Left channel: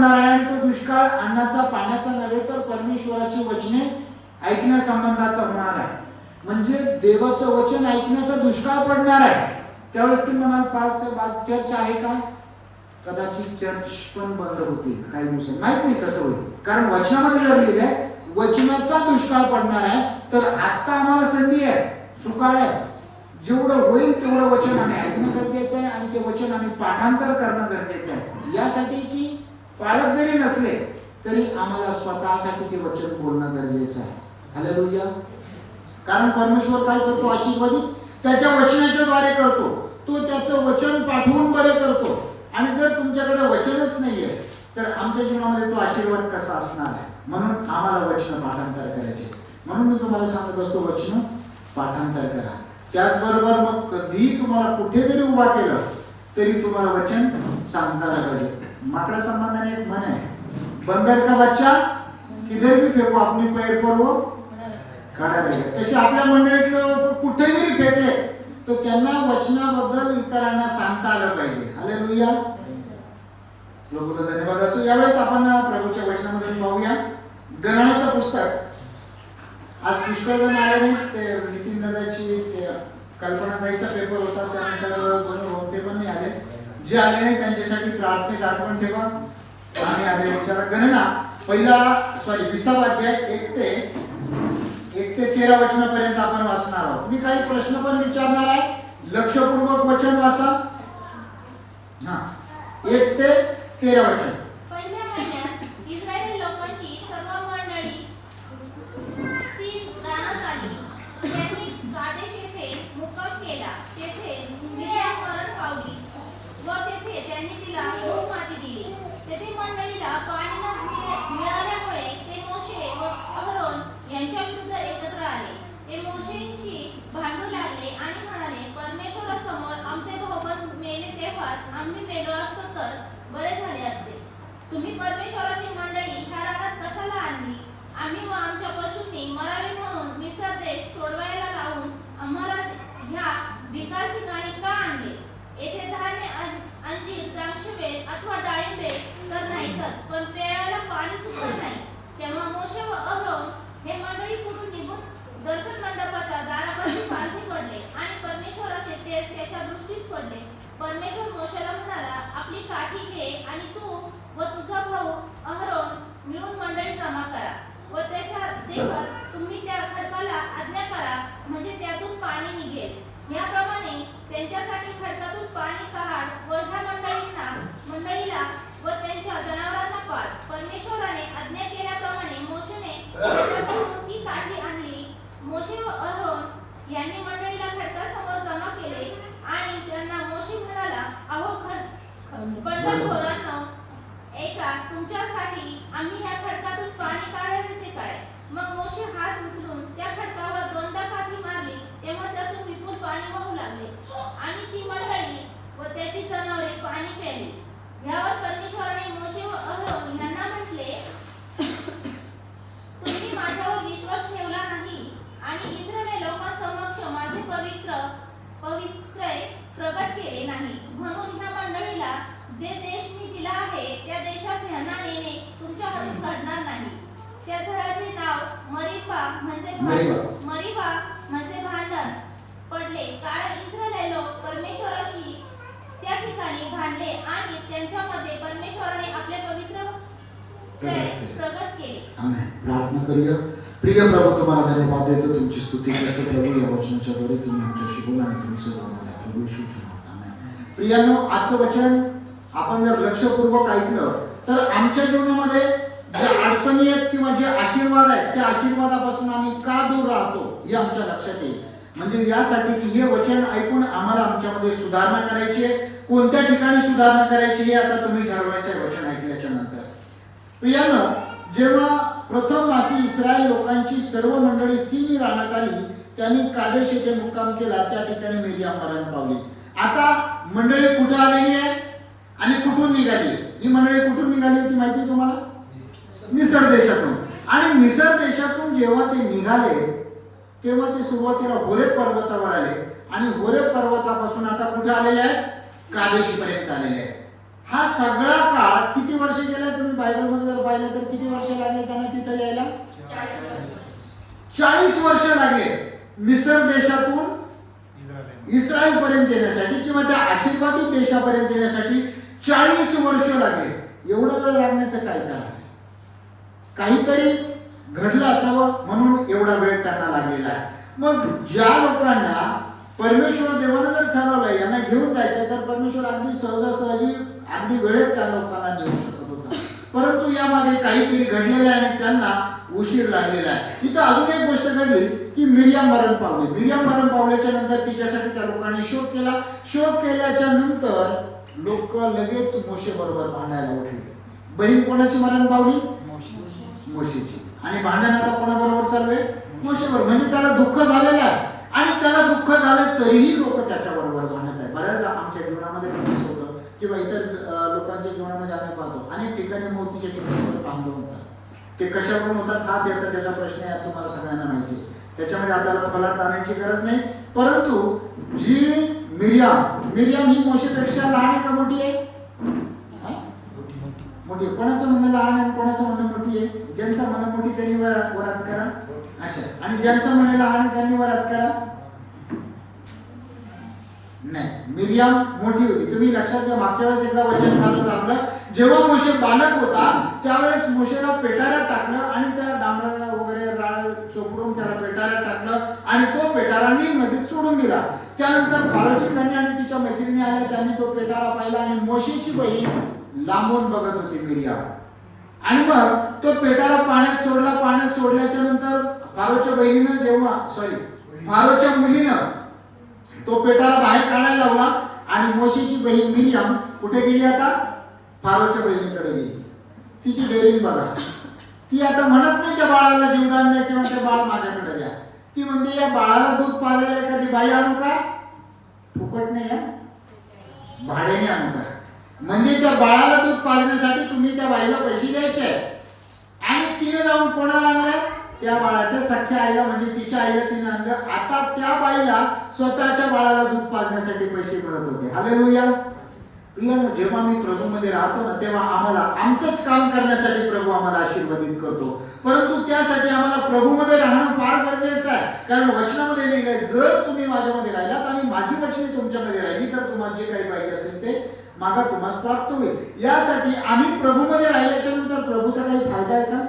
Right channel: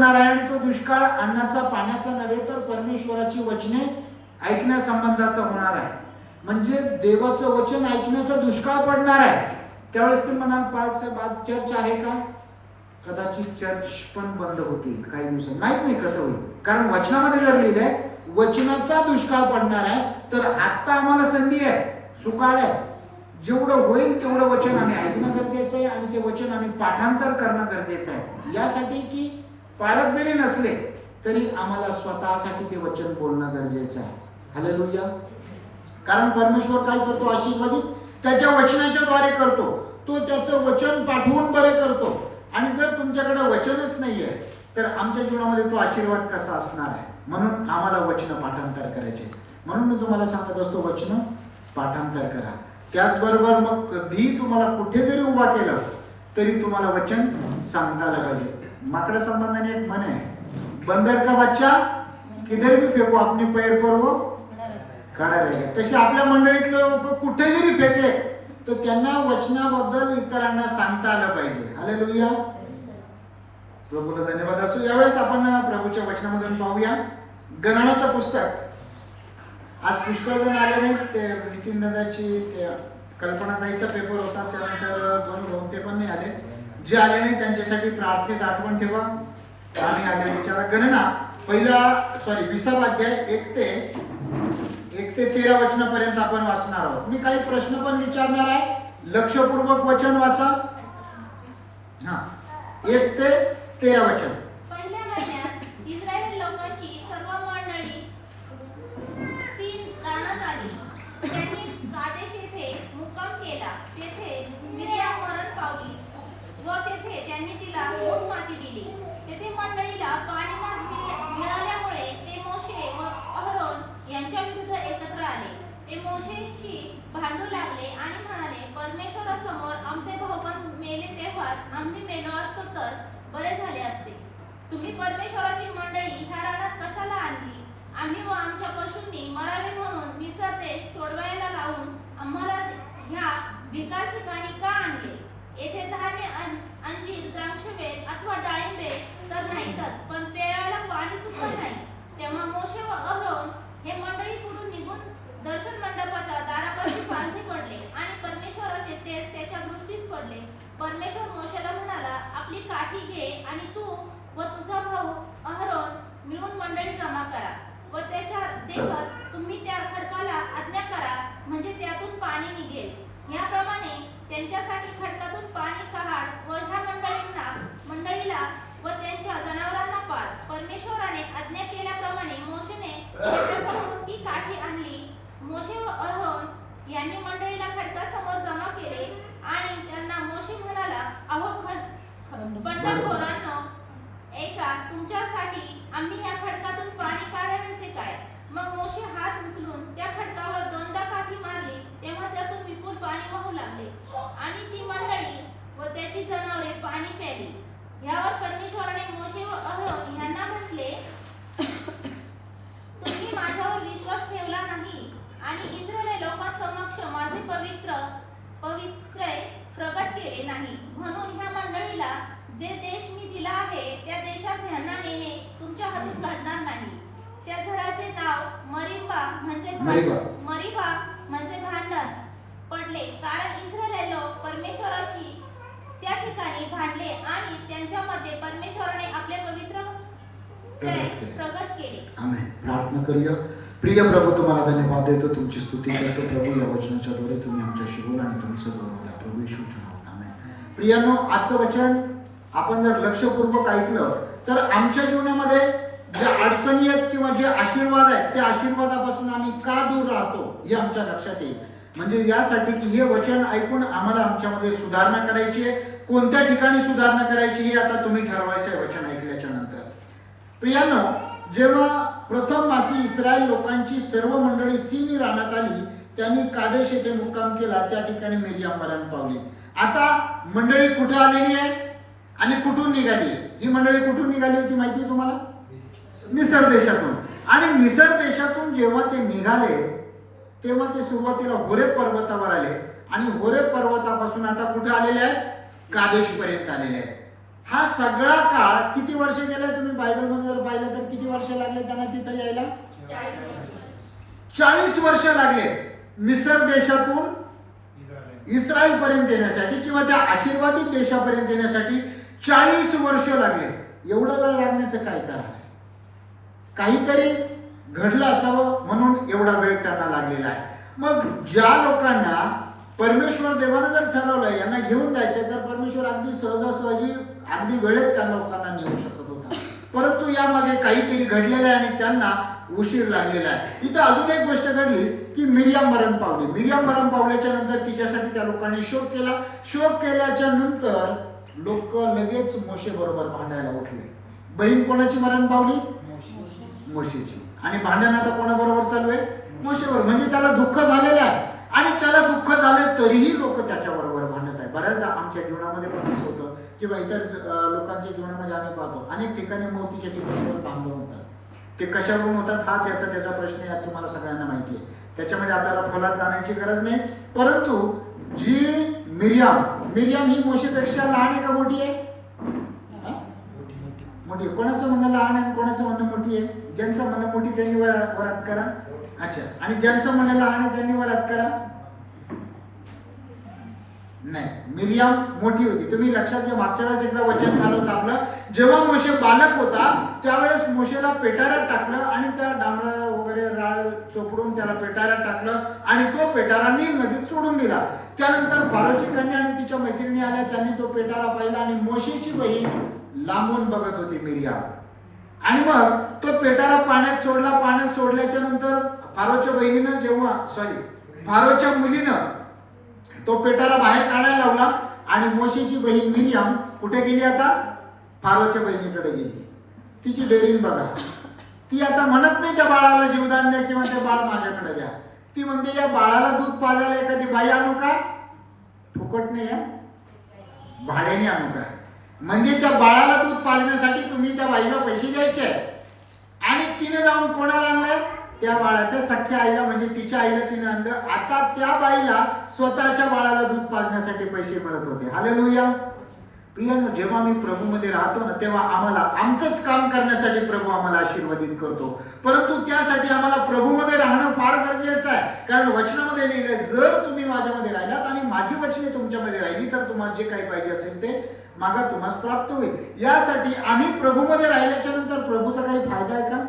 पडणार आहे आणि तो दुष्काळ अन्नाचा पाण्याचा नव्हे तर परमेश्वराची वचने ऐकण्यासंबंधाचा होणार आहे. म्हणजे देवाचं वचन ऐकण्याचा दुष्काळ पडणार आहे. त्यावेळेस तुम्ही म्हणाल पाच चर्च आहे का? कदाचित चर्च पण बंद होतील काही दिवसात, माहित नाही कसं होईल. कारण वचनामध्ये जर लिहिलं आहे वचनाचा दुष्काळ पडणार आहे, तर आता आम्हाला संधी आहे, सुकाळ आहे. जेवढं होईल तेवढं वचन आम्ही ऐकणं गरजेचं आहे आणि ते वचन आम्ही पाठांतर करणं गरजेचं आहे. यासाठी की पालक जरी नसले तरी आम्हाला स्वतःसाठी ते वचन बोलणं गरजेचं आहे. हालेलुया. कारण परमेश्वर काय करतो? आशीर्वादित त्याच्या वचनाच्या द्वारे करतो. तो त्याचं वचन पाठवून बरे करतो. आणि जर तुमच्याकडे वचनच नाहीये तर आमच्या जीवनामध्ये तो आशीर्वाद कसा असणार आहे? म्हणून आम्हाला वचन पाठांतर करायचे. म्हणून मी तुम्हाला सांगत असतो वचन पाठांतर करा. त्याचबरोबर मग कधीही तुम्हाला कुठे जरी उभा केलं तरी तुम्हाला वचन सांगता आलं पाहिजे. माकडा संबंधाने एक म्हण आहे, बंदर का बच्चा किधर भी फेको अपनी पैर पर वो खड़ा रहेगा. तसे आपल्या मंडळीतले लोक कुठे जरी फेकले तर त्यांना वचनाबद्दल इतरांना सांगता आलं पाहिजे. हालेलुया. प्रभूला धन्यवाद असो. यावेळेस आपण प्रभूच्या वचनामधून पाहूया गणनाचं पुस्तक. आज पुष्कळ जण आले नाहीत. ते नितीन दादाची कल्पनाताईचा पेपर होता, त्यानंतर दोन भाऊ ते पण नाही आले. जे आले नाही त्यांच्यासाठी प्रार्थनेत आठवण ठेवा. आम्ही आले विचारा. गणना पहिला 20 अध्याय 1 ते 13 वचनापर्यंत आपण वाचणार आहोत. मी काही प्रश्न पण विचारणार आहे, लक्षपूर्वक वचन वाचा. 1 ते 13 वचन. तुम्ही परमेश्वराची मंडळी ह्या रानात कशाला आणली? आम्ही व आमच्या पशूंनी मरावे म्हणून मिस्र देश सोडवायला लावून आम्हाला ह्या भिकार ठिकाणी का आणले? येथे धान्य, अंजीर, द्राक्षवेल अथवा डाळिंबे तर नाहीतच, पण प्यायला पाणी सुद्धा नाही. तेव्हा मोशे व अहरोन हे मंडळी कुठून निघून दर्शन मंडपाच्या दारापाशी पालथी पडले आणि परमेश्वराचे तेज त्याच्या दृष्टीस पडले. परमेश्वर मोशेला म्हणाला, आपली काठी घे आणि तू व तुझा भाऊ अहरोन मिळून मंडळी जमा करा व त्याच्या देखत तुम्ही त्या खडकाला आज्ञा करा, म्हणजे त्यातून पाणी निघेल. याप्रमाणे त्यांच्यासाठी खडकातून पाणी काढ व ह्या मंडळीला व त्यांच्या जनावरांना पाज. परमेश्वराने आज्ञा केल्याप्रमाणे मोशेने त्याच्यासमोर ती काठी आणली. मोशे व अहरोन यांनी मंडळीला खडकासमोर जमा केले आणि त्यांना मोशे म्हणाला, अहो बंडखोरांनो, ऐका, तुमच्यासाठी आम्ही या खडकातून पाणी काढायचे काय? मग मोशे हात उचलून त्या खडकावर 2दा काठी मारली, तेव्हा त्यातून विपुल पाणी वाहू लागले आणि ती मंडळी व त्याची जनावरे पाणी प्यायली. यावर परमेश्वराने मोशे व अहरोन यांना म्हटले, तुम्ही माझ्यावर विश्वास ठेवला नाही आणि इस्रायली लोकांसमक्ष माझे पवित्र प्रगट केले नाही. म्हणून ह्या मंडळीला जे देश मी दिला आहे त्या देशास ह्यांना नेणे तुमच्या हातून घडणार नाही. त्या झाडाचे नाव मरीबा म्हणजे भांडण पडले, कारण इस्रायली लोक परमेश्वराशी त्या ठिकाणी भांडले आणि त्यांच्यामध्ये परमेश्वराने आपले पवित्र प्रगट केले. आमेन. प्रार्थना करूया. प्रिय प्रभू, तुम्हाला धन्यवाद देतो, तुमची स्तुती करतो. प्रभू, या वचनाच्या द्वारे तुम्ही आमच्याशी बोला आणि तुमचं बोला. प्रभू येशू आमेन. प्रियांनो, आजचं वचन आपण जर लक्षपूर्वक ऐकलं तर आमच्या जीवनामध्ये ज्या अडचणी आहेत किंवा जे आशीर्वाद आहेत त्या आशीर्वादापासून आम्ही का दूर राहतो हे आमच्या लक्षात येईल. म्हणजे यासाठी की हे वचन ऐकून आम्हाला आमच्यामध्ये सुधारणा करायची आहे. कोणत्या ठिकाणी सुधारणा करायची हे आता तुम्ही ठरवायचं आहे वचन ऐकल्याच्या नंतर. प्रियांनो, जेव्हा प्रथम मासी इस्रायल लोकांची सर्व मंडळी सीनी रानात आली, त्यांनी कादेश येथे मुक्काम केला. त्या ठिकाणी मिर्याम मरण पावली. आता मंडळी कुठे आलेली आहे आणि कुठून निघाली? ही मंडळी कुठून निघाली होती माहिती तुम्हाला? मिसर देशातून. आणि मिसर देशातून जेव्हा ते निघाले तेव्हा ते सुरुवातीला होरेब पर्वतावर आले आणि होरेब पर्वतापासून आता कुठे आलेले आहेत? कादेश पर्यंत आलेले आहेत. हा सगळा काळ किती वर्ष गेला तुम्ही लागले मिसर देशातून इस्रायल पर्यंत येण्यासाठी किंवा त्या आशीर्वादित देशापर्यंत येण्यासाठी 40 वर्ष लागले. एवढं वेळ लागण्याचं काय कारण आहे? काहीतरी घडलं असावं म्हणून एवढा वेळ त्यांना लागलेला आहे. मग ज्या लोकांना परमेश्वर देवानं जर ठरवलं यांना घेऊन जायचं तर परमेश्वर अगदी सहजासहजी अगदी वेळेत त्या लोकांना नेऊ शकत होता. परंतु यामागे काहीतरी घडलेलं आहे आणि त्यांना उशीर लागलेला आहे. इथं अजून एक गोष्ट घडली की मिरियाम मरण पावली. मिरियाम मरण पावल्याच्या नंतर तिच्यासाठी त्या लोकांनी शोक केला. शोक केल्याच्या नंतर लोक लगेच मोशे बरोबर भांडायला उठले. बहीण कोणाची मरण पावली? मोशेची. आणि भांडण आता कोणाबरोबर चालू आहे? मोशेबरोबर. म्हणजे त्याला दुःख झालेलं आहे आणि त्याला दुःख झालं तरीही लोक त्याच्याबरोबर भांडत आहे. बऱ्याचदा आमच्या जीवनामध्ये पण असं होतं किंवा इतर लोकांच्या जीवनामध्ये आम्ही पाहतो अनेक ठिकाणी मोतीच्या ठिकाणी पण भांडण होतात. ते कशावरून होतात हा त्याचा प्रश्न आहे, तुम्हाला सगळ्यांना माहिती आहे. त्याच्यामध्ये आपल्याला खोलात जाण्याची गरज नाही. परंतु जी मिरियाम ही मोशेपेक्षा लहान आहे का मोठी आहे? मोठी. कोणाचं म्हणणं लहान आहे कोणाचं म्हणणं मोठी आहे? ज्यांचं म्हणणं मोठी त्यांनी वरात करा. अच्छा. आणि ज्यांचं म्हणणं लहान आहे त्यांनी वरात करा. नाही, मिरियाम मोठी होती. तुम्ही लक्षात घ्या, मागच्या वेळेस एकदा वचन झालं होतं आपलं, जेव्हा मोशे बालक होता त्यावेळेस मोशेला पेटारा टाकलं आणि त्या डांबरा वगैरे राळ चोपडून त्याला पेटारा टाकलं आणि तो पेटारा नील नदीत सोडून दिला. त्यानंतर फारोची कन्या आणि तिच्या मैत्रिणी आल्या, त्यांनी तो पेटारा पाहिला आणि मोशेची बहीण लांबून बघत होती मिरियाम. आणि मग तो पेटारा पाण्यात सोडला. पाण्यात सोडल्याच्या नंतर फारोच्या मुलीनं तो पेटारा बाहेर काढायला लावला आणि मोशेची बहीण मिरियाम कुठे गेली? आता फारोच्या बहिणीकडे गेली. तिची डेअरिंग बघा. ती आता म्हणत नाही त्या बाळाला जीवदान द्या किंवा त्या बाळा माझ्याकडे द्या. ती म्हणते या बाळाला दूध पाजायला एखादी बाई आणू का? फुकट नाही आहे, भाड्याने आणू का? म्हणजे त्या बाळाला दूध पाजण्यासाठी तुम्ही त्या बाईला पैसे द्यायचे आहे. आणि तिने जाऊन कोणाला आणलंय? त्या बाळाच्या सख्या आईला, म्हणजे तिच्या आईला तिने आणलं. आता त्या बाईला स्वतःच्या बाळाला दूध पाजण्यासाठी पैसे मिळत होते. हालेलुया. जेव्हा मी प्रभूमध्ये राहतो ना तेव्हा आम्हाला आमचंच काम करण्यासाठी प्रभू आम्हाला आशीर्वादित करतो. परंतु त्यासाठी आम्हाला प्रभूमध्ये राहणं फार गरजेचं आहे. कारण वचनामध्ये लिहिलंय, जर तुम्ही माझ्यामध्ये राहिलात आणि माझी वचने तुमच्यामध्ये राहिली तर तुम्हाला जे काही पाहिजे असेल ते मागा तुम्हाला प्राप्त होईल. यासाठी आम्ही प्रभूमध्ये राहिल्याच्या नंतर प्रभूचा काही फायदा आहे का?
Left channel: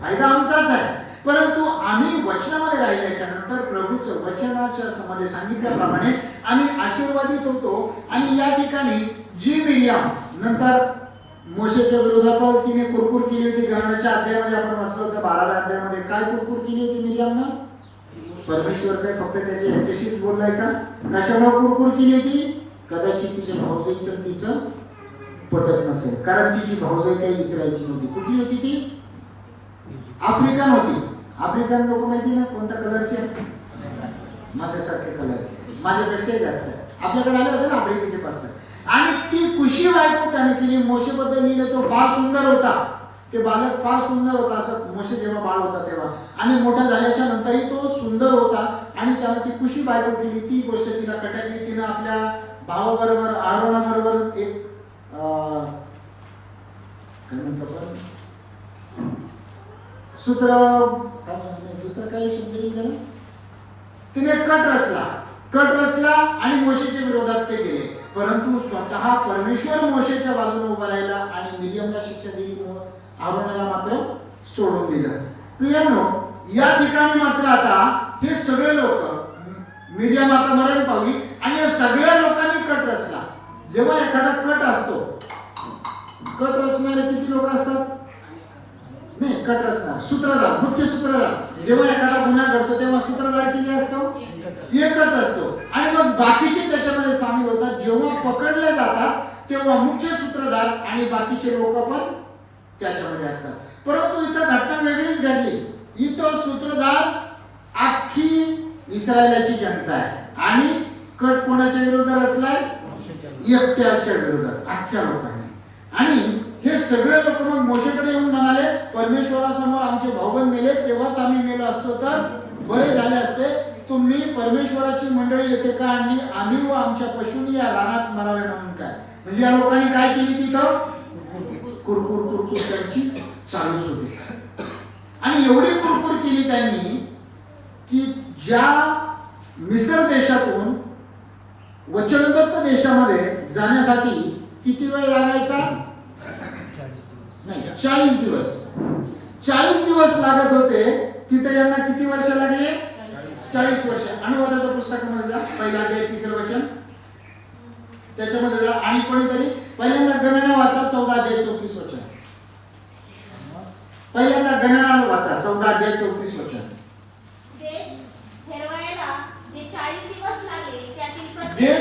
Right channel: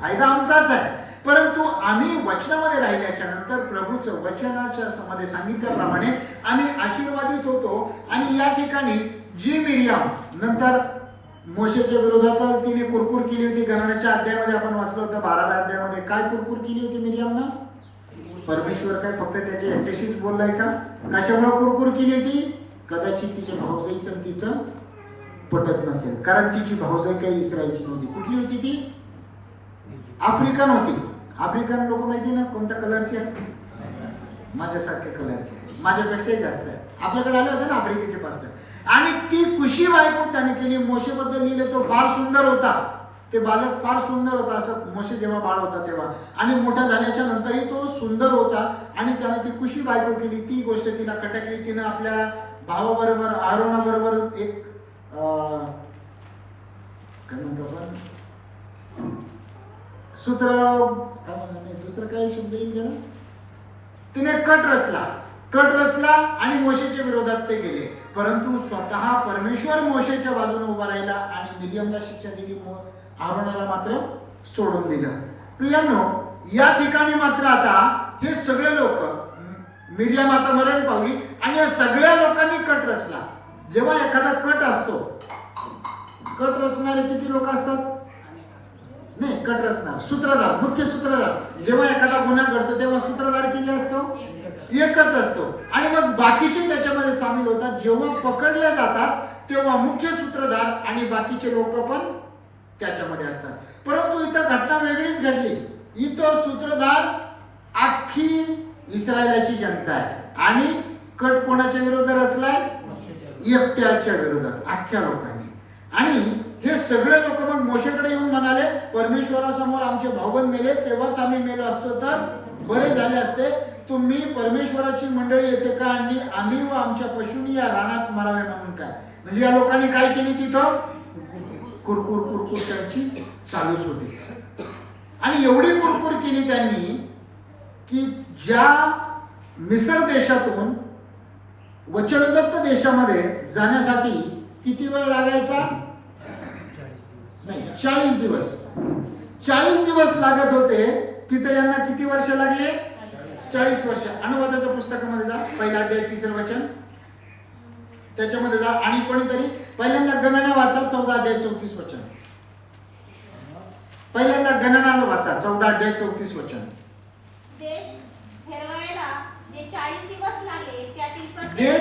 फायदा आमचाच आहे. परंतु आम्ही वचनामध्ये राहिल्याच्या नंतर प्रभूचं वचनाच्या मध्ये सांगितल्याप्रमाणे आम्ही आशीर्वादित होतो. आणि या ठिकाणी जी मिरियाम नंतर मोशेच्या विरोधात तिने कुरकुर केली होती, घराण्याच्या अध्यायामध्ये आपण वाचलं होतं 12व्या अध्यायामध्ये. काय कुरकुर केली होती मिरियामनं? परमेश्वर काय फक्त त्याच्या एकटीशीच बोललाय का? कशामुळे कुरकुर केली होती? कदाचित तिच्या भाऊजाईचं तिचं पटत नसेल. कारण तिची भाऊजाई काही इस्रायलची नव्हती. कुठली होती ती? आफ्रिकन होती. आफ्रिकन लोक माहिती ना कोणत्या कलरचे? माझ्यासारखे कलरचे, माझ्यापेक्षाही जास्त आहे. आपल्याकडे आले होते ना आफ्रिकेचे पास्टर. आणि ती कुशी बायको त्याने केली. मोशेबद्दल लिहिले तो फार सुंदर होता. ते बालक फार सुंदर होता. असं मोशे जेव्हा बाळ होता तेव्हा आणि मोठा झाल्याच्या नंतरही तो सुंदर होता. आणि त्याने ती कुशी बायको केली. ती गोष्ट तिला खटकली. तिनं आपल्या भावाबरोबर आरोनाबरोबर एक काय म्हणतो आपण सूत्र काय म्हणतात दुसरं काही शब्द येईल त्याला. तिने कट रचला आणि मोशेच्या विरोधात ते गेले. परंतु स्वतः परमेश्वर मोशेच्या बाजूने उभा राहिला आणि मिरियमला शिक्षा दिली, आरोनाला मात्र सोडून दिलं. प्रियांनो, या ठिकाणी मात्र आता हे सगळे लोक, मिरियम आता मरण पावली आणि या सगळ्या लोकांनी कट रचला. जेव्हा एखादा कट असतो, कट रचणारे किती लोक असतात? नाही, कट रचणार सूत्रधार, मुख्य सूत्रधार. जेव्हा एखादा गुन्हा घडतो तेव्हा सूत्रधार किती असतो? एकच असतो. आणि मग बाकीचे त्याच्यामध्ये सामील होतात. जेव्हा पकडले जातात तेव्हा मुख्य सूत्रधार आणि बाकीचे लोक पण त्याच्यामध्ये असतात. परंतु इथं घटना वेगळीच घडली. इथं सूत्रधार अख्खी इस्रायलाची जनता आहे आणि कट कोणाच्या विरोधात रचलाय? एकट्याच्या विरोधात, अख्ख्या लोकांनी. आणि हे सगळे लोक मग मोशेकडे येऊन म्हणाले, परमेश्वरासमोर आमचे भाऊबंद मेले, तेव्हाच आम्ही मेलो असतो तर बरे झाले असते. तुम्ही परमेश्वराची मंडळी येथे का आणली? आम्ही व आमच्या पशूंनी या रानात मरावे म्हणून काय? म्हणजे या लोकांनी काय केली? तिथं कुरकुर त्यांची चालूच होती. आणि एवढी कुरकुर केली त्यांनी की ज्या मिसर देशातून वचनदत्त देशामध्ये जाण्यासाठी किती वेळ लागायचा? नाही, 40 दिवस. 40 दिवस लागत होते. तिथे यांना किती वर्ष लागले? 40 वर्ष. अनुवादाच्या पुस्तकामध्ये जा, पहिला अध्याय 3 वचन, त्याच्यामध्ये जा. आणि कोणीतरी पहिल्यांदा गणना वाचा, 14 अध्याय 34 वचन. पहिल्यांदा गणना वाचा, 14 अध्याय 34 वचन. देश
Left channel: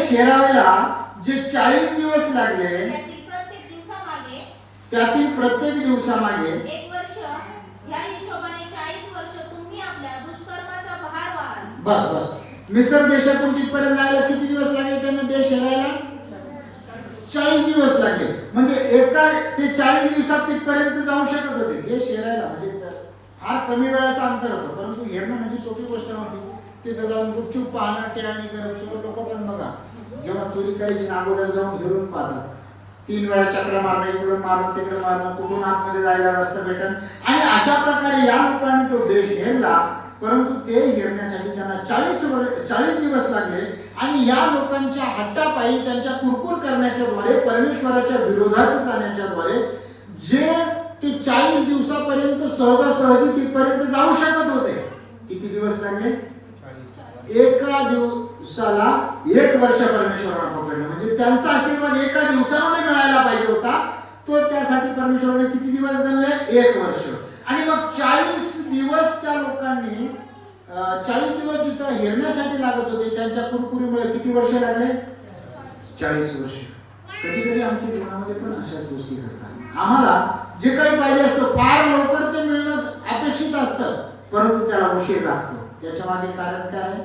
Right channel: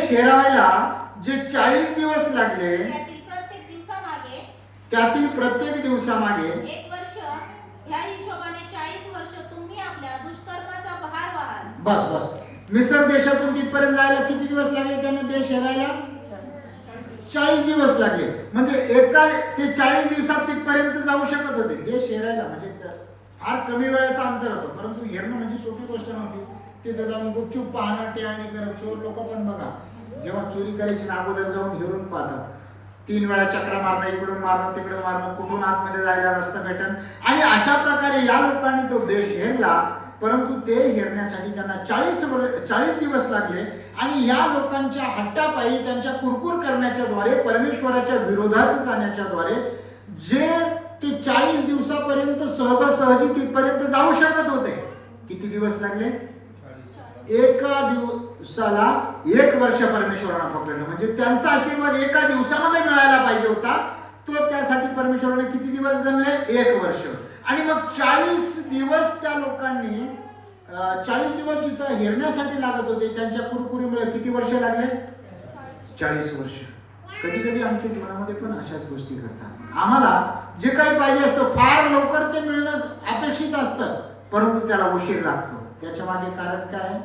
हेरावायला जे 40 दिवस लागले त्यातील प्रत्येक दिवसामागे 1 वर्ष, या हिशोबाने 40 वर्ष तुम्ही आपल्या दुष्कर्माचा भार वाहाल. बस. मिसर देशातून तिथपर्यंत जायला किती दिवस लागले त्यांना? देश हेरायला 40 दिवस लागले. म्हणजे एका ते 40 दिवसात तिथपर्यंत जाऊ शकत होते. देश हेरायला म्हणजे फार कमी वेळेचं अंतर होतं, परंतु हेरणं म्हणजे सोपी गोष्ट नव्हती. तिथे जाऊन गुपचूप पाहणं, टेहाणी करत. चोर लोक पण बघा, जेव्हा चोरी करायची ना अगोदर जाऊन घेऊन पाहतात. 3 वेळा चक्र मारणं, इकडून मारणं, तिकडे मारणं, कुठून आतमध्ये जायला रस्ता भेटन. आणि अशा प्रकारे या लोकांनी तो देश हेरला, परंतु ते हेरण्यासाठी त्यांना 40 दिवस लागले. आणि या लोकांच्या हट्टापायी, त्यांच्या कुरकुर करण्याच्या द्वारे, परमेश्वराच्या विरोधात जाण्याच्या द्वारे जे ते 40 दिवसापर्यंत सहजासहजी तिथपर्यंत जाऊ शकत होते. किती दिवस लागले? एका दिवसाला 1 वर्ष परमेश्वराने पकडलं. म्हणजे त्यांचा आशीर्वाद एका दिवसामध्ये मिळायला पाहिजे होता, तो त्यासाठी परमेश्वराने किती दिवस गणले? 1 वर्ष. आणि मग 40 दिवस त्या लोकांनी 40 दिवस जिथं हेरण्यासाठी लागत होते, त्यांच्या कुरकुरीमुळे किती वर्ष लागले? 40 वर्ष. कधी कधी आमच्या जीवनामध्ये पण अशाच गोष्टी घडतात. आम्हाला जे काही पाहिजे असतं फार लवकर ते मिळणं अपेक्षित असतं, परंतु त्याला उशीर लागतो. त्याच्या मागे कारण काय?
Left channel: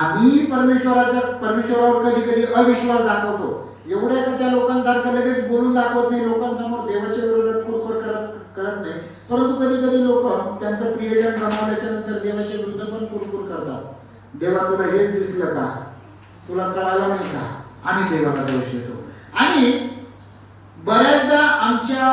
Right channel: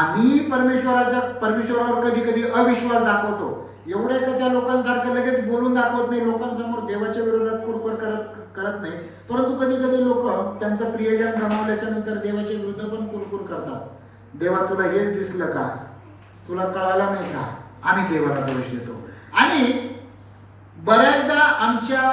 आम्ही परमेश्वरावर कधी कधी अविश्वास दाखवतो. एवढे का त्या लोकांसारखं लगेच बोलून दाखवत नाही, लोकांसमोर देवाच्या विरोधात कुरकुर करत नाही. परंतु कधी कधी लोक त्यांचं प्रियजन गमावल्याच्या नंतर देवाच्या विरुद्ध पण कुरकुर करतात. देवा तुला हेच दिसलं का? तुला कळालं नाही का? आम्ही देवाला दोष देतो. आणि बऱ्याचदा आमच्या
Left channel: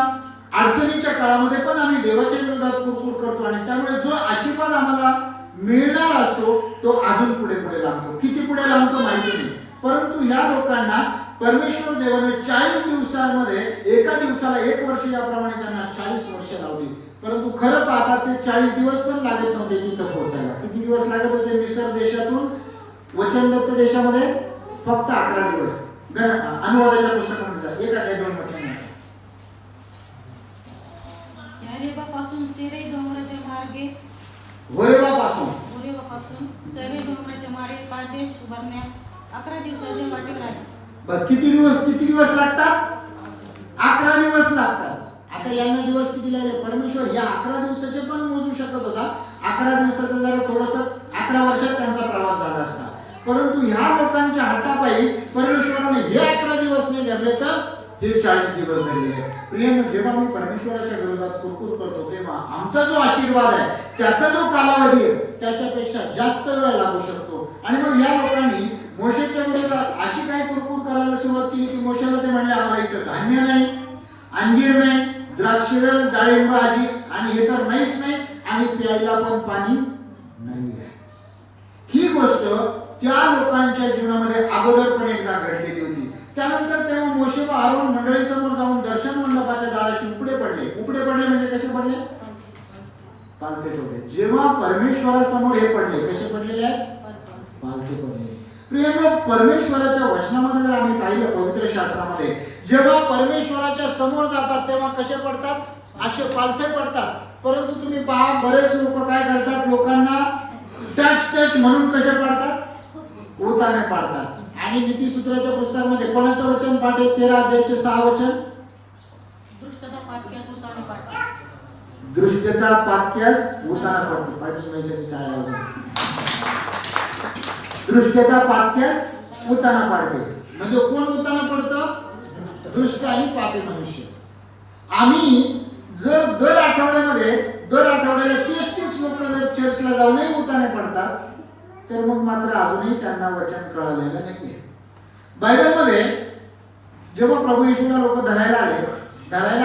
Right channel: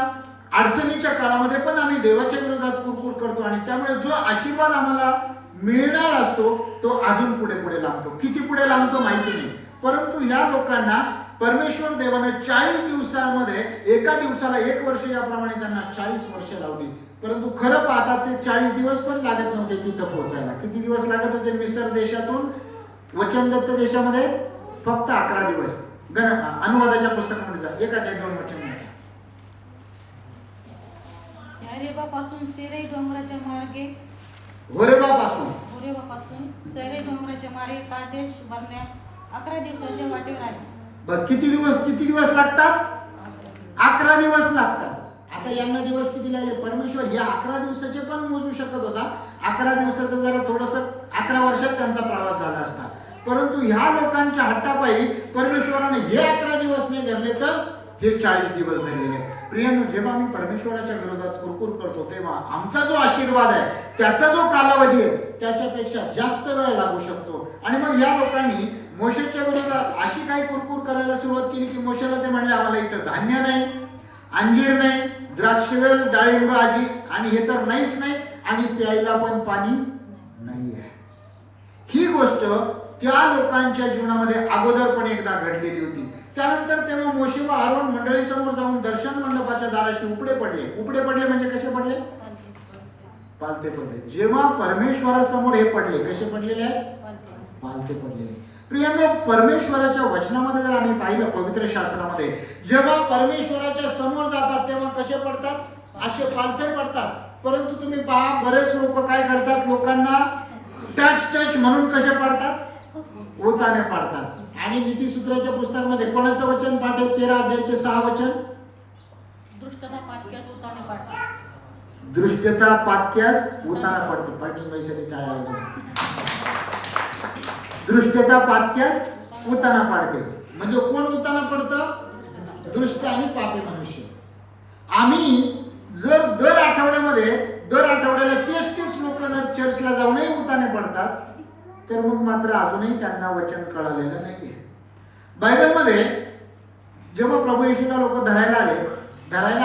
अडचणीच्या काळामध्ये पण आम्ही देवाच्या विरोधात कुरकुर करतो. आणि त्यामुळे जो आशीर्वाद आम्हाला मिळणार असतो तो अजून पुढे लांबतो. किती पुढे लांबतो माहिती नाही, परंतु ह्या लोकांना परमेश्वर देवाने 40 दिवसामध्ये एका दिवसाला 1 वर्ष याप्रमाणे त्यांना 40 वर्ष लावली. परंतु खरं पाहता ते 40 दिवस पण लागत नव्हते तिथं पोहोचायला. किती दिवस लागत होते? मिसर देशातून वचनदत्त देशामध्ये फक्त 11 दिवस. अनुवादाच्या पुस्तकामध्ये जा, 1 अध्याय 2 वचन. पासून सेरे डोंगराच्या मार्गे होरेबापासून सेरे डोंगराच्या मार्गे कादेश बर्नेआ 11 दिवसाचे वाटे लागले. बस किती दिवस लागतात? 11 दिवस लागतात. आता यांना दिवस किती लागले? परमेश्वर या 11 दिवसाचे पण मोजू शकत होता. 11 दिवसाचं जरा थोडंसं 11 वर्षात त्यांचा प्रवास झाला असता. परंतु ह्या लोकांच्या हट्टापायी परमेश्वराने हे 11 दिवस नाही धरले, तर हे 40 दिवस धरले. प्रियांनो, जेव्हा आम्ही परमेश्वराच्या विरोधात कुरकुर करतो तेव्हा आमचा जो आशीर्वाद आहे, त्याचा जो कालावधी आहे, त्याच्यापेक्षा जास्त वेळ लागू शकतो. आणि मग या लोकांनी मोशेच्या विरोधात अशी काही कुरकुर करायला सुरुवात केली की मोशेला ते म्हणले, आम्हाला इथं धान्य नाही, अंजीर नाही, द्राक्षवेल, डाळिंब आजी आणि हे तर नाहीच नाही, आणि प्यायला पण पाणी नाही आहे. ही गोष्ट त्या लोकांच्या जीवनामध्ये अगोदर पण एकदा घडलेली होती. त्यानंतर तेव्हा मोशे व आरोन मंडळीसमोर जाऊन दर्शन मंडपाच्या दाराशी उपडे पडले म्हणजे कसे पडले? पालथे पडले. जेव्हा परमेश्वरासमोर हे पडले, कसे पडलेले आहेत? पालथे पडलेले. प्रियांनो, परमेश्वराच्या वचनामध्ये जर आम्ही पाहिलं, पवित्र शास्त्रामध्ये जेव्हा परमेश्वराच्या समोर जातात तेव्हा कसे पडतात? असे पालथे पडतात. परंतु तुम्ही पहा, बरेच लोक काय करतात, लोकांना टच म्हणून कसे पडतात? उताने पाडतात. आणि नीतिसूत्राच्या पुस्तकामध्ये कोणाचं वचन पाठ आहे? 13 अध्यायाचे 6 वचन. दृष्टता पातक्यास उताना पडतो. पाठी वैसे टाळा. दृष्टता पातक्यास उताना पाडते. म्हणजे कोण उताना पडतं? दुष्ट आणि पापी मनुष्य. आम्ही जर दर आठवड्याला तेच लोक जर चर्चला जाऊनही उताने पडतात, तर मग मात्र अजूनही त्यांना वचन कळलेलं नाही. बायबलमध्ये जेव्हा प्रभू येशूला लोक धरायला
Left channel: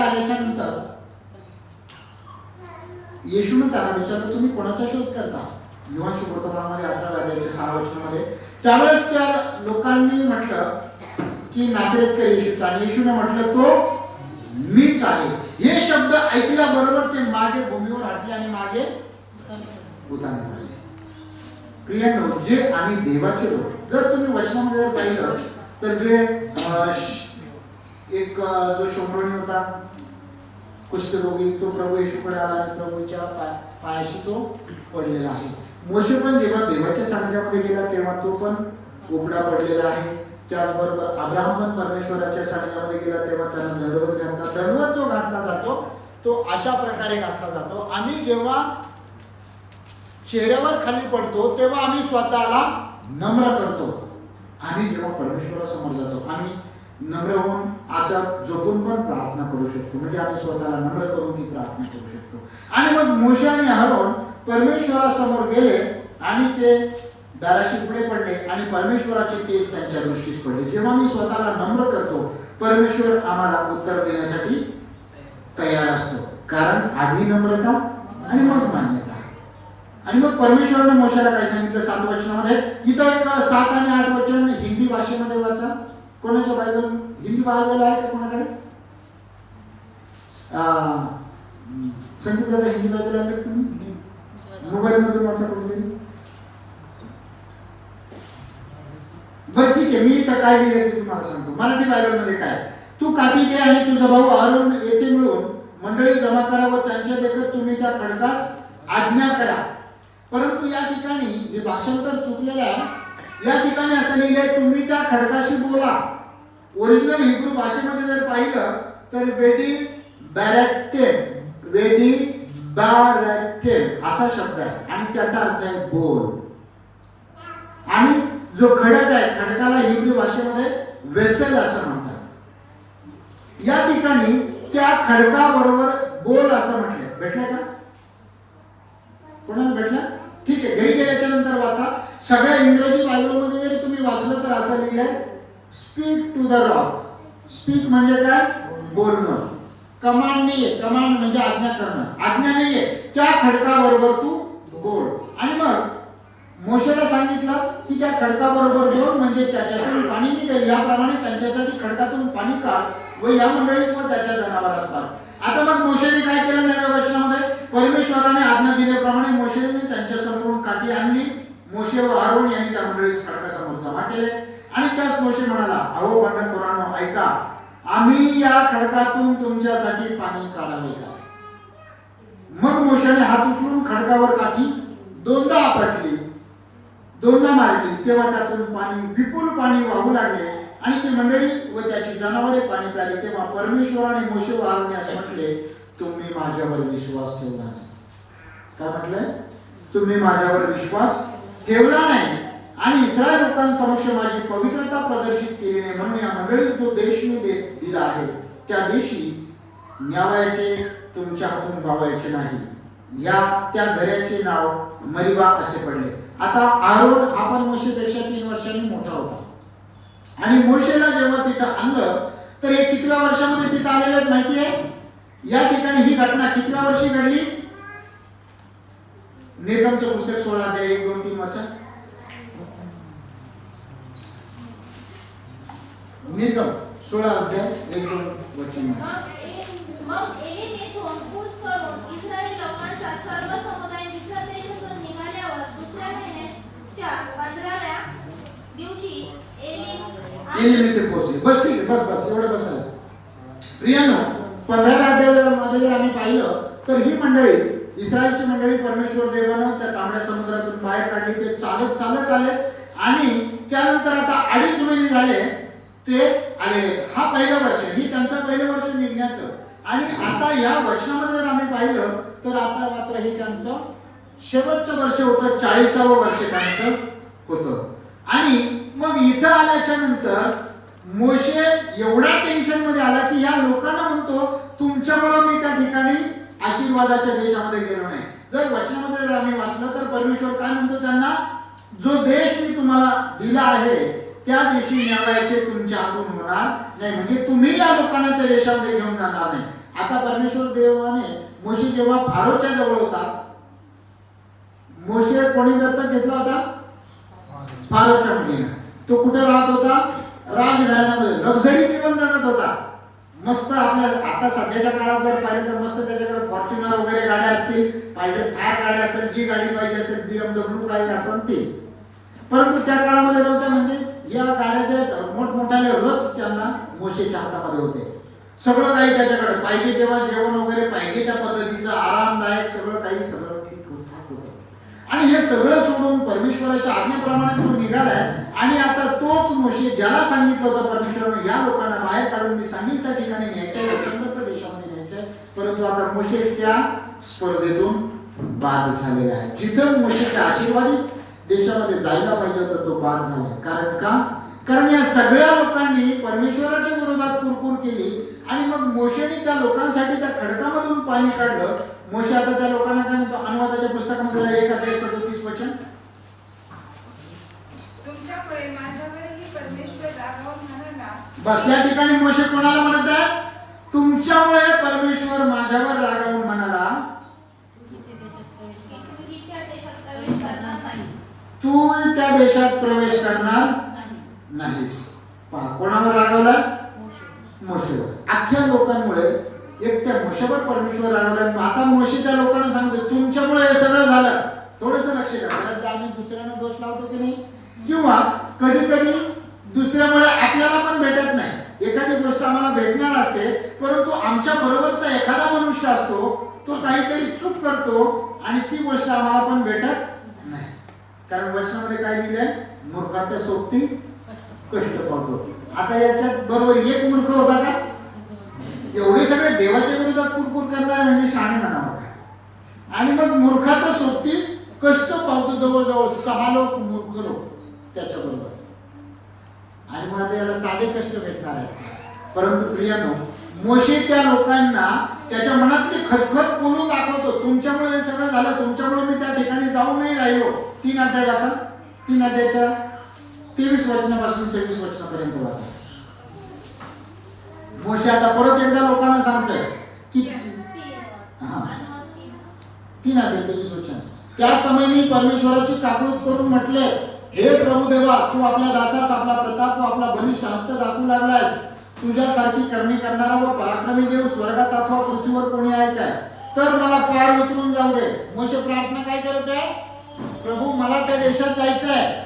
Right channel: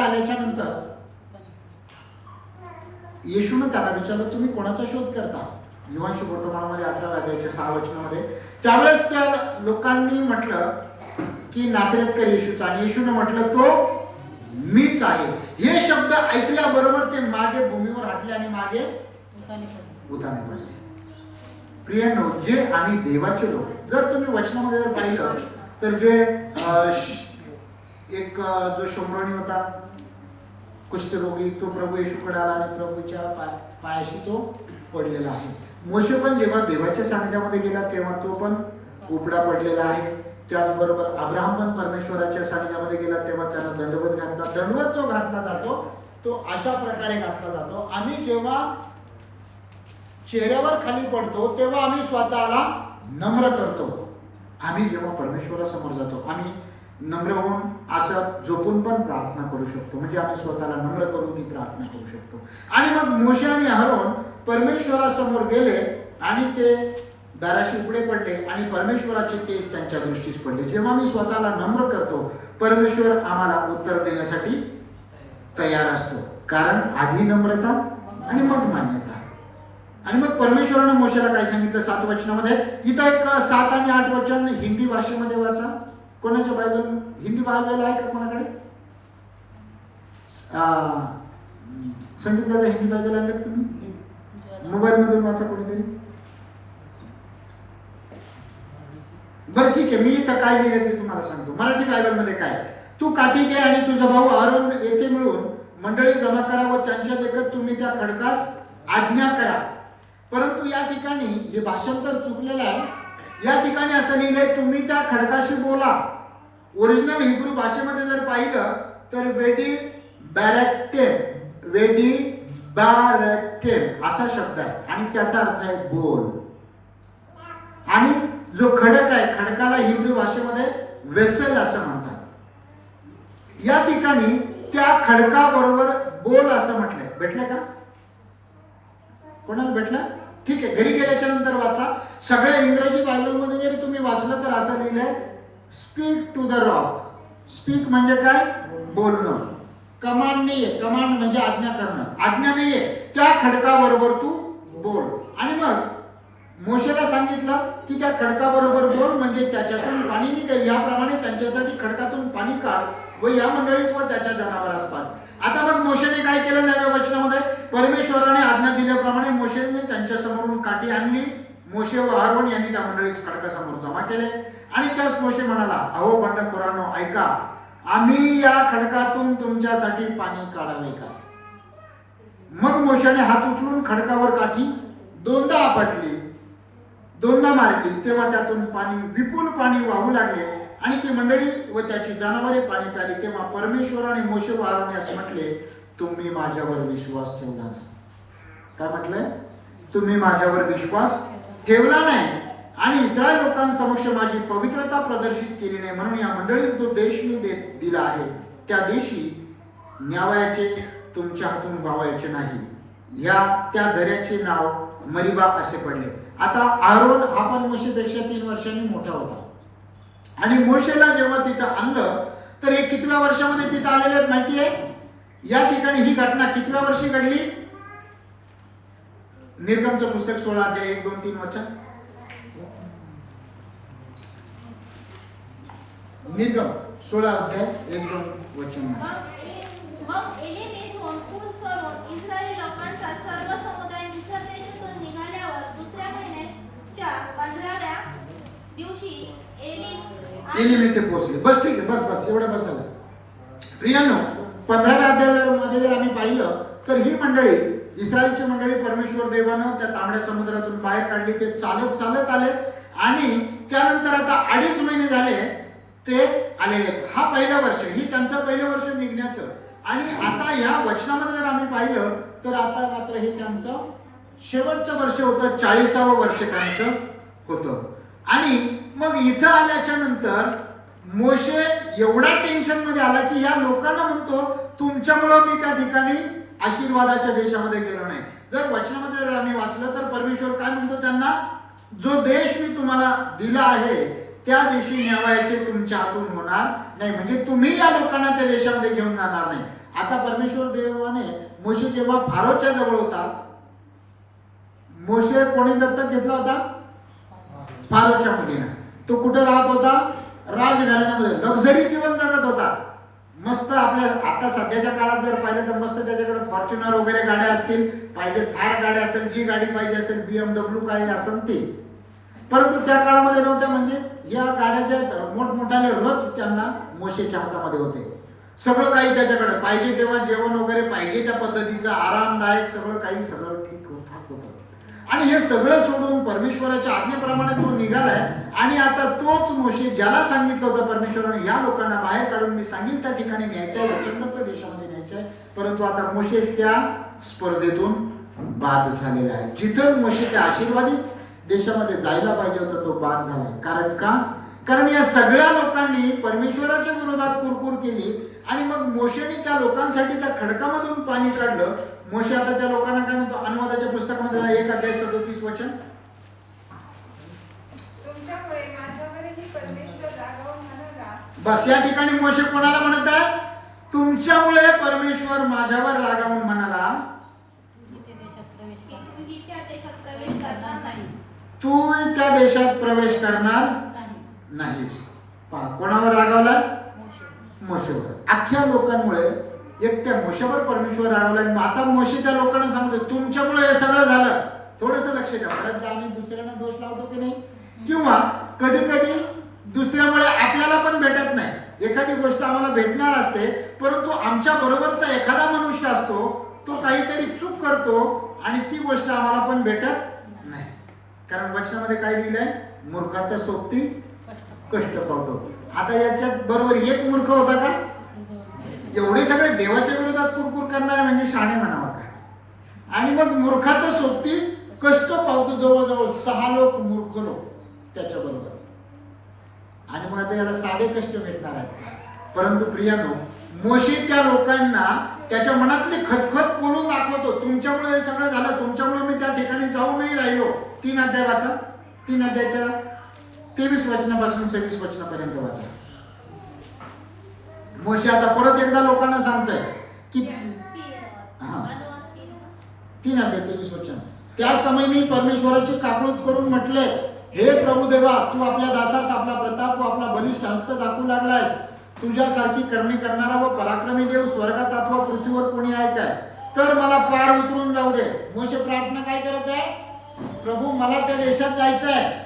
आल्याच्या नंतर येशूने त्याला विचारलं, तुम्ही कोणाचा शोध करता? युहानशी वर्तमानामध्ये 18 अध्यायाच्या 6 वचनामध्ये त्यावेळेस त्या लोकांनी म्हटलं की नासरेतकर येशूचा, आणि येशूने म्हटलं तो मीच आहे. हे शब्द ऐकल्याबरोबर ते मागे भूमीवर हटले आणि मागे उताने पडले. प्रियांनो, जे आम्ही देवाचे लोक, जर तुम्ही वचनामध्ये पाहिलं तर जे एक जो शोमरोनी होता कुष्ठरोगी, तो प्रभू येशूकडे आला आणि प्रभूच्या पायाशी तो पडलेला आहे. मोशे पण जेव्हा देवाच्या सांगण्यामध्ये गेला तेव्हा तो पण कोपडा पडलेला आहे. त्याचबरोबर अब्राहम पण परमेश्वराच्या सांगण्यामध्ये गेला तेव्हा त्याला दंडवत घातला. दंडवत जो घातला जातो तो अशा प्रकारे घातला जातो. आम्ही जेव्हा चेहऱ्यावर खाली पडतो तेव्हा आम्ही स्वतःला नम्र करतो. आम्ही जेव्हा परमेश्वरासमोर जातो आम्ही नम्र होऊन असं झोपून पण प्रार्थना करू शकतो. म्हणजे आम्ही स्वतःला नम्र करून ती प्रार्थना करू शकतो. आणि मग मोशे आणि अहरोन परमेश्वरासमोर गेले आणि ते दाराशी पुढे पडले आणि परमेश्वराचे केस त्यांच्या दृष्टीस पडले. जेव्हा मी स्वतःला नम्र करतो परमेश्वर आम्हाला उत्तर देण्यासाठी तयार असतो. कारण आधी नम्रता आणि मग मान्यता. आणि मग परमेश्वराने मोशेला काय सांगितलं 7 वचनामध्ये. इथं एक 7 आणि 8 वचन हिंदी भाषेमध्ये वाचा. कोणाच्या बायबल हिंदी बायबल आहे का कोणाकडे? संगीत दादा हिंदी बायबल आहे तुम्ही? मोबाईल मधून वाचा कोणीतरी. बरं ठीक आहे, मी इथं काय लिहिलं ते तुम्हाला सांगतो. मराठी बायबल मध्ये काय, तू काठी घे आणि तुझा भाऊ अहरोन येथे मिळून मंडळी जमा करा व त्यांच्या देखत तुम्ही त्या खडकास आज्ञा करा. परंतु या ठिकाणी हे भाषांतर चुकलेलं आहे. या ठिकाणी असं लिहिलंय तुम्ही त्या खडकाशी बोला. ओरिजिनल हिब्रू भाषेमध्ये जर पाहिलं तर वेडी बॅरेटेम असा शब्द आहे आणि त्याचा अर्थ आहे बोल. आणि जो खडक आहे खडकाला हिब्रू भाषेमध्ये वेसल असं म्हणतात. या ठिकाणी त्या खडकाबरोबर बोल असं म्हटलंय. भेटलं का? कोणाला भेटलं? ठीक आहे, घरी गेल्याच्या नंतर वाचा. सगळ्या इंग्रजी बायबलमध्ये जरी तुम्ही वाचलं तर असं लिहिलंय speak to the rock. Speak म्हणजे काय? बोलणं. कमांड नाहीये. कमांड म्हणजे आज्ञा करणं. आज्ञा नाहीये. त्या खडकाबरोबर तू बोल. आणि मग मोशेला सांगितलं की त्या खडकाबरोबर बोल म्हणजे त्याच्यातून पाणी निघेल. याप्रमाणे त्यांच्यासाठी खडकातून पाणी काढ व या मंडळीस व त्याच्या जनावरास पाड. आता मग मोशेने काय केलं नव्या वचनामध्ये? परमेश्वराने आज्ञा दिल्याप्रमाणे मोशेने त्यांच्या समोरून काठी आणली. मोशे व अहरोन यांनी त्या मंडळीस खडकासमोर जमा केले. आणि त्याच मोशे म्हणाला, अहो बंडखोरांनो ऐका, आम्ही या खडकातून तुमच्यासाठी पाणी काढावे का? मग मोशेने हात उचलून खडकावर काठी 2दा आपटली, 2दा मारली. तेव्हा त्यातून पाणी विपुल पाणी वाहू लागले आणि ती मंडळी व त्याची जनावरे पाणी प्याली. तेव्हा परमेश्वराने मोशे व अहरोनने असं म्हटले, तुम्ही माझ्यावर विश्वास ठेवला नाही. काय म्हटलंय? तुम्ही माझ्यावर विश्वास ठेवला नाही आणि इस्रायल लोकांसमक्ष माझी पवित्रता प्रदर्शित केली नाही. म्हणून या मंडळीस जो देश मी दिला आहे त्या देशी न्यावयाचे तुमच्या हातून वावायचे नाही. त्या झऱ्याचे नाव मरिबा असे पडले. आता अहरोन हा पण मोशेपेक्षा 3 वर्षांनी मोठा होता. आणि मोशेला जेव्हा तिथं आणलं तर हे कितव्या वर्षामध्ये तिथं आलेले आहेत माहिती आहे? या ठिकाणी ही घटना कितव्या वर्षी घडली? निर्गमचं पुस्तक 16 अध्याय 1, 2, 3 वाचा. निर्गम 16 अध्याय 1, 2 वचन. मग एलीमेतून कूच करून इस्रायली लोकांचा सर्व समुदाय मिस्र देशातून निघाल्यावर दुसऱ्या महिन्याच्या 15व्या दिवशी एलीमेत पोहोचले. बस ठीक आहे, बस एवढं बसायला. प्रियांनो, 15व्या अध्यायामध्ये जर आम्ही पाहिलं तर ही मंडळी, इस्रायलची मंडळी परमेश्वर देवानं त्या तांबड्या समुद्रातून बाहेर काढली. ते चालत आले आणि त्यानंतर आता 2.5 महिने झाले ते आलेले. हा पहिलं वर्ष, ही त्यांचं पहिलं वर्ष निघण्याचं. आणि आता या वचनामध्ये जर आम्ही पाहिलं तर आता मात्र हे त्यांचं शेवटचं वर्ष होतं. 40वावं वर्ष त्यांचं होतं. आणि मग इथं आल्याच्या नंतर मोशे एवढा टेन्शन मध्ये आला की या लोकांना म्हणतो तुमच्यामुळं मी त्या ठिकाणी आशीर्वादाच्या देशामध्ये गेलो नाही. जर वचनामध्ये जर आम्ही वाचलं तर परमेश्वर काय म्हणतो त्यांना, जो देश मी तुम्हाला दिला आहे त्या देशी न्यावयाचे तुमच्या हातून होणार नाही. म्हणजे तुम्ही या लोकांना त्या देशामध्ये घेऊन जाणार नाही. आता परमेश्वर देवाने मोशे जेव्हा फारोच्या जवळ होता, मोशे कोणी दत्तक घेतला होता? फारोच्या मुलीनं. तो कुठं राहत होता? राजघराण्यामध्ये लक्झरी जीवन जगत होता. मस्त आपल्या आता सध्याच्या काळात जर पाहिलं तर मस्त त्याच्याकडे फॉर्च्युनर वगैरे गाड्या असतील, पाहिजे थार गाड्या असेल, जी गाडी पाहिजे असेल, BMW काही असेल ते. परंतु त्या काळामध्ये नव्हत्या, म्हणजे या गाड्याच्या मोठमोठाले रथ त्यांना मोशेच्या हातामध्ये होते. सगळं काही त्याच्याकडे पाहिजे तेव्हा जेवण वगैरे पाहिजे त्या पद्धतीचं आरामदायक सगळं काही सगळं ठीक होतं. आणि हे सगळं सोडून परमेश्वराच्या आज्ञेप्रमाणे तो निघालाय. आणि आता तोच मोशे ज्याला सांगितलं होतं परमेश्वराने या लोकांना बाहेर काढून मी सांगितलं त्या ठिकाणी न्यायचंय, वचनबद्ध देशामध्ये न्यायचंय, परंतु आता मोशे त्या स्पर्धेतून बाद झालेला आहे. जिथं मोशे त्या आशीर्वादित देशामध्ये जायला पाहिजे होता तो बाद झालाय. कारण का? कारण या सगळ्या लोकांनी परमेश्वराच्या विरोधात कुरकुर केली. आणि मग मोशेने त्या लोकांसाठी त्या खडकामधून पाणी काढलं. मोशे आता त्या लोकांना काय म्हणतो? अनुवादाच्या पुस्तकामध्ये 1:37 तुमच्यामुळे माझ्यावरही परमेश्वर रागावून म्हणाला. बस या ठिकाणी मोशे कोणाला म्हणत आहे? तुमच्यामुळे परमेश्वर माझ्यावर रागावून म्हणाला, तू त्या देशात प्रवेश करणार नाहीस. पहा कोणावर रागावला? मोशेवर. अख्ख्या लोकांमुळे एकट्या मोशेवर परमेश्वर रागावला. आता मोशे त्या लोकांना सांगतो तुमच्यामुळे हे सगळं झालं. थोडस लक्ष द्या. बऱ्याचदा आम्ही दुसऱ्यांना दोष लावतो की नाही, किंवा कधी कधी दुसऱ्यामुळे आपल्याला पण भेटत नाही. एखादी गोष्ट आम्हाला भेटणार असते, परंतु आमच्या बरोबरचा एखादा मनुष्य असतो, तो काहीतरी चूक करतो आणि ती गोष्ट आम्हाला पण भेटत नाही. कारण वचनामध्ये काय लिहिलंय? मूर्खाच्या सोबती कष्ट पावतो. आता याच्यात बरोबर एक मूर्ख होता का? एवढे सगळे देवाच्या विरोधात कुरकुर करणारे म्हणजे शाणे म्हणावं का? आणि मग मूर्खाच्या सोबती कष्ट पावतो. जवळजवळ 6 लोक मूर्ख लोक त्याच्या बरोबर. आणि मग आता याला साधे कष्ट भेटणार आहेत. परंतु प्रियानो, मोशे त्या लोकांना त्याच्या मनातली खतखत बोलून दाखवतो. तुमच्यामुळे हे सगळं झालं, तुमच्यामुळे मी त्या ठिकाणी जाऊ नाही राहिलो. 3 अध्याय वाचा. 3 अध्यायाच्या 23 वचनापासून 26 वचनापर्यंत वाचा. मोशे आता परत एकदा लोकांना सांगतोय की 3 अध्याय 23 वचन. त्या समय मी परमेश्वराची काकूळत करून म्हटले, हे प्रभू देवा, तू आपल्या दासास आपला प्रताप व आपला बलिष्ठ हस्त दाखवू लागलास. तुझ्यासारखी करणी करणारा व पराक्रमी देव स्वर्गात अथवा पृथ्वीवर कोणी आहे काय? तर मला पार उतरून जाऊ दे. मोशे प्रार्थना काय करत आहे? प्रभू मला त्या देशात जायचं आहे.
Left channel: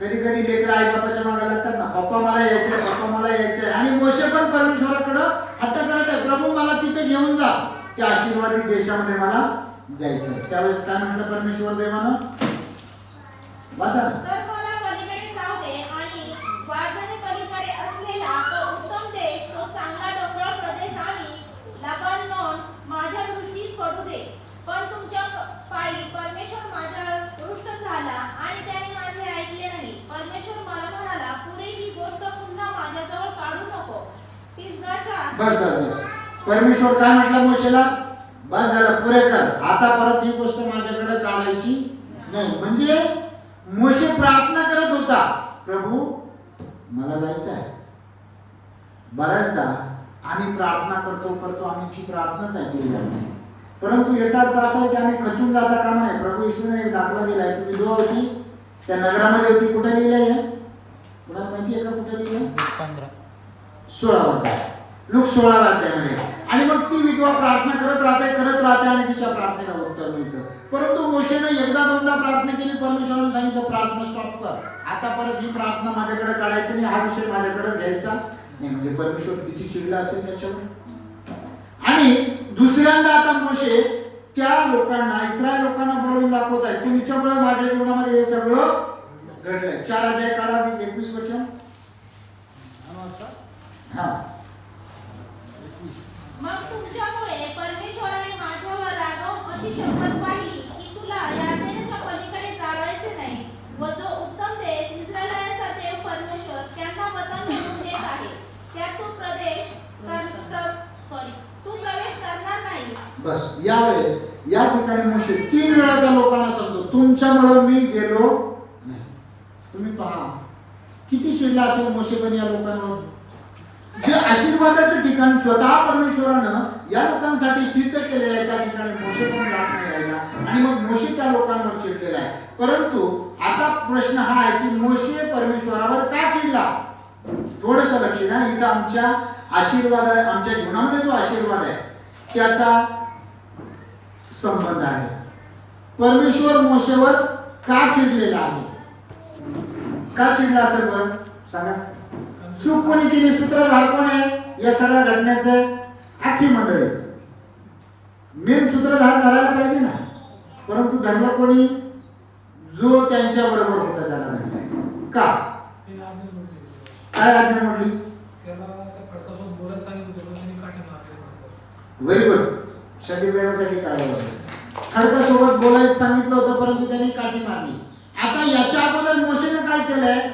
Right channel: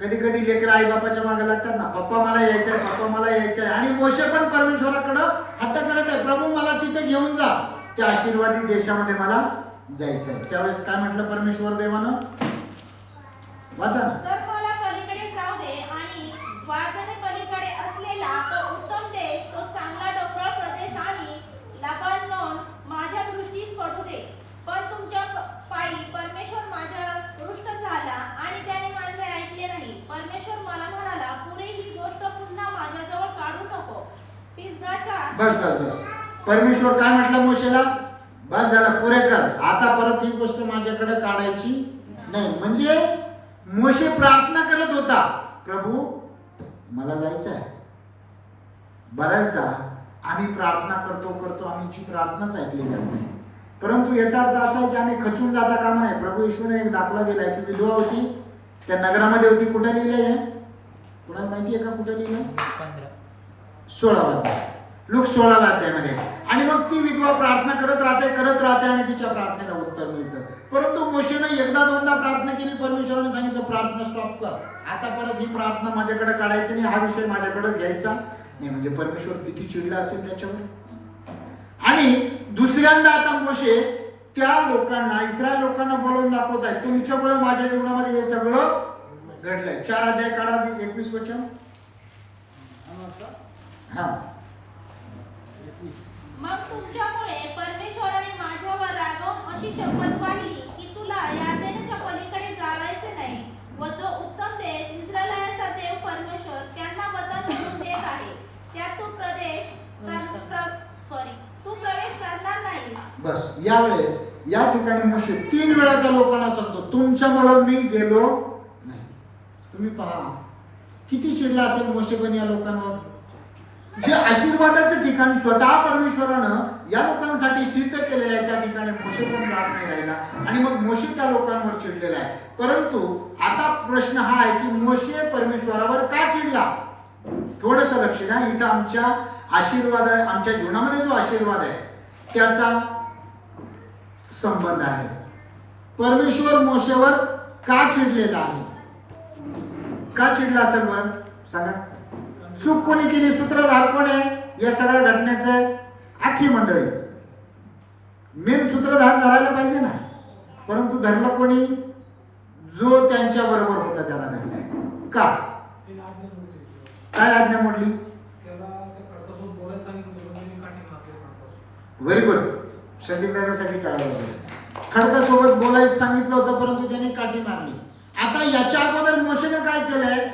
कधी कधी लेकरं आई बापाच्या मागे लागतात ना, पप्पा मला यायचंय, पप्पा मला यायचंय. आणि मोशे पण परमेश्वराकडे हट्ट करत आहे, प्रभू मला तिथे घेऊन जा, त्या आशीर्वादित देशामध्ये मला जायचंय. त्यावेळेस काय म्हटलं परमेश्वर देवानं? वाचा. तर मला पलीकडे जाऊ दे आणि वाघाने पलीकडे असलेला तो उत्तम देश, तो चांगला डोंगराळ प्रदेश आणि लबानोन माझ्या दृष्टीस पडू दे. पण तुमच्या पायी परमेश्वर माझ्या रुष्ट झाला आणि त्याने माझे ऐकले नाही. परमेश्वर मला म्हणाला, पुरे ही गोष्ट पुन्हा माझ्याजवळ काढू नको. पिसगाच्या बस. परमेश्वर काय म्हटलं मोशेला? बस झालं, पुरे कर. आता परत ही गोष्ट माझ्याकडे काढायची नाही. म्हणजे मोशे प्रार्थना करत होता, प्रभू मला जायचं आहे. बऱ्याचदा आम्ही प्रार्थना करतो आमची प्रार्थनाच ऐकली जात नाही. परंतु याचा अर्थ असा आहे की आम्ही खचून जाता कामा नये. प्रभू येशूने एक दाखला दिलाय की विधवा होती, त्या नगरामध्ये होती. कुठे लिहिलंय? कुणाला माहिती आहे का कुठे लिहिलंय? 16 अध्याय, लूक 16 अध्यायामध्ये. आणि मग ती विधवा प्रार्थना करत राहते आणि तिच्या प्रार्थनेला उत्तर मिळतं. परंतु मोशेने एकदा दोनदा प्रार्थना केली, परमेश्वराने सांगितलं प्रार्थना स्टॉप कर. आता परत ही प्रार्थना माझ्याकडे काढायची नाही, हा विषय माझ्याकडे घ्यायचा नाही. म्हणजे परमेश्वर किती चिडला असेल त्याच्यावर. आणि दुसऱ्यांदा आता मोशे त्या लोकांना, इस्रायल लोकांना बोलून दाखवत आहे, तुमच्यामुळे माझ्या जीवनामध्ये हे सगळं घडलंय. 4 अध्याय काढा, 21 वचन. मग तुमच्यामुळे परमेश्वराने माझ्यावर रागावून अशी शपथ पाहिली की तुला यार्देनच्या पलीकडे जायचे नाही, व जो उत्तम देश इस्रायलांचा देव परमेश्वर त्यांना वतन म्हणून देत आहे, त्यात तू प्रवेश करणार नाही. बस यावेळी या ठिकाणी मोशे 3 वेळा त्या लोकांना सांगतो, तुमच्यामुळे मी गेलो नाही. तुम्ही पहा किती चिडला असेल मोशे पण या लोकांवर. जे आशीर्वादाचं ठिकाण स्वतः परमेश्वरानं या लोकांसाठी सिद्ध केलेलं आहे. त्या ठिकाणी मोशे पण जात नाही राहिला आणि मग मोशे त्या लोकांवर चिडलेला आहे. परंतु आता प्रश्न हा आहे की मोशे परमेश्वरावर का चिडला? थोडस लक्ष द्या. इथं आमच्या आशीर्वाद आहे, आमच्या जीवनामध्ये जो आशीर्वाद आहे त्याचा संबंध आहे. परमेश्वर मोशेवर का चिडलेला आहे? का चिडला असेल बरं सांगा? चूक कोणी केली? सूत्रधार कोण आहे या सगळ्या घटनेचे? आखी मंडळी. मेन सूत्रधार धरायला पाहिजे ना, परंतु धरला कोणी? जो त्यांच्या बरोबर होता त्याला धरला. का? काय आज्ञा मोडली? Very good. संगीतासाठी कळायला खडकासोबत बोलायचं सांगितलं होतं परंतु त्याने काठी मारली. आता याच्या अगोदर मोशेने काय केलंय?